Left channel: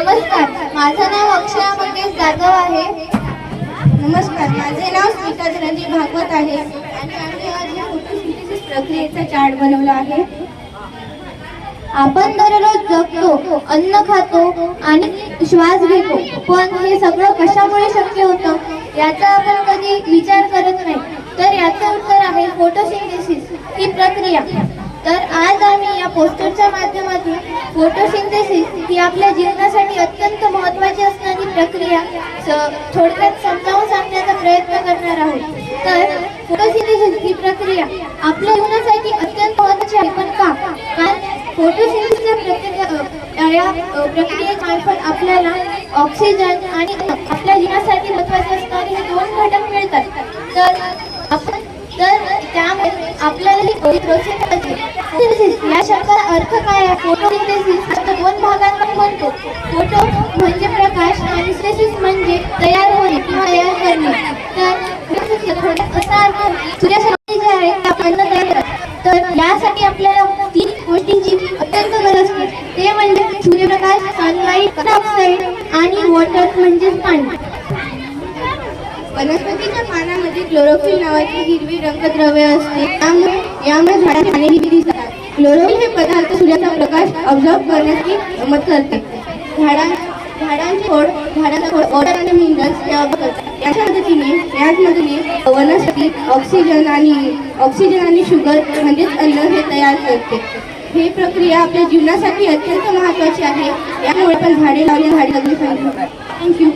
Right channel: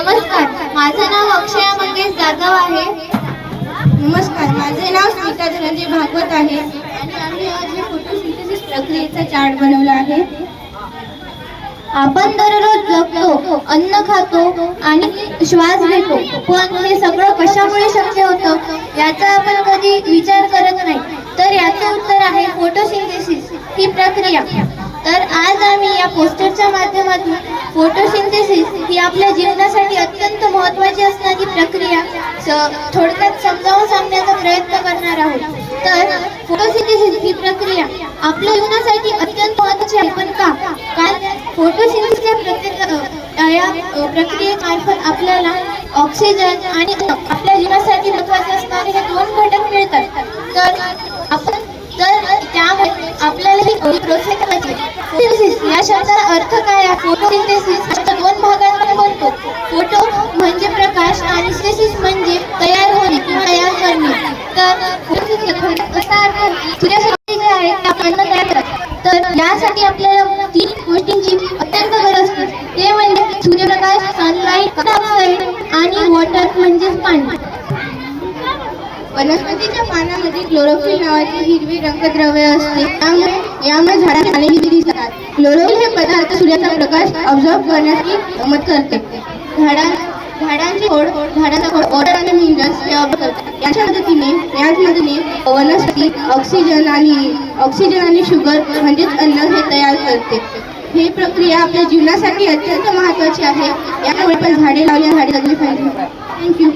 नमस्कार, माझं नाव अक्षया मंगेश जाधव आहे. नमस्कार, माझे नाव स्मिता धनंजय भागवत आहे आणि आम्ही आज फोटोसिंथेसिस प्रक्रियेचा चार्ट बनवला आहे. आपण दररोज जगतो, अन्न खातो आणि श्वास घेतो, पण हे सगळं कशामुळे शक्य होतं याचा आपण कधी विचार करत नाही. तर याचे उत्तर आहे फोटोसिंथेसिस ही प्रक्रिया. तर आज आम्ही या पोस्टरच्या माध्यमातून फोटोसिंथेसिस ही आपल्या जीवनासाठी अत्यंत महत्त्वाची असणारी प्रक्रिया थोडक्यात समजावून सांगण्याचा प्रयत्न करणार आहोत. तर फोटोसिंथेसिस ही प्रक्रिया आपल्या जीवनासाठी अत्यंत महत्त्वाची आहे. पण का? कारण फोटोसिंथेसिसच्या प्रक्रियेमार्फत आपल्याला ऑक्सिजन आणि आपल्या जीवनासाठी महत्त्वाचे असणारे हे दोन घटक मिळतात. तर त्यामुळे आपल्याला ही प्रोसेस करायची. या शब्दाचा अर्थ काय आहे? फोटोसिंथेसिस दोन भागांमध्ये बनतो. फोटो म्हणजे प्रकाश आणि सिंथेसिस म्हणजे तयार होणे किंवा तयार करणे. तर असा अर्थ सूर्यासाठी जे आहे आपण तयार करतो. तर यासाठी आपल्याला तीन गोष्टींची अत्यंत गरज असते. ते म्हणजे सूर्यप्रकाश, सनलाईट, ऑक्साईड आणि वॉटर म्हणजे पाणी. वनस्पतीच्या पानामध्ये क्लोरोफिल नावाचे हिरवे रंगद्रव्य असते. यामुळे झाडाचे पाने हिरवी दिसतात. क्लोरोफिल हे पदार्थ सूर्याचा प्रकाश ऑब्झर्व करण्याची मदत करते. झाडाचा खोड वॉटर आणि मिनरल्स ऑब्झर्व करतात. याच मदतीने वनस्पती ऑक्सिजन आणि शुगर म्हणजेच अन्न हे तयार करते. ही प्रक्रिया आपल्या जीवनासाठी अत्यंत महत्त्वाची आहे. यामुळे पण झाडे लावली, झाडे जगली पाहिजे. थँक्यू.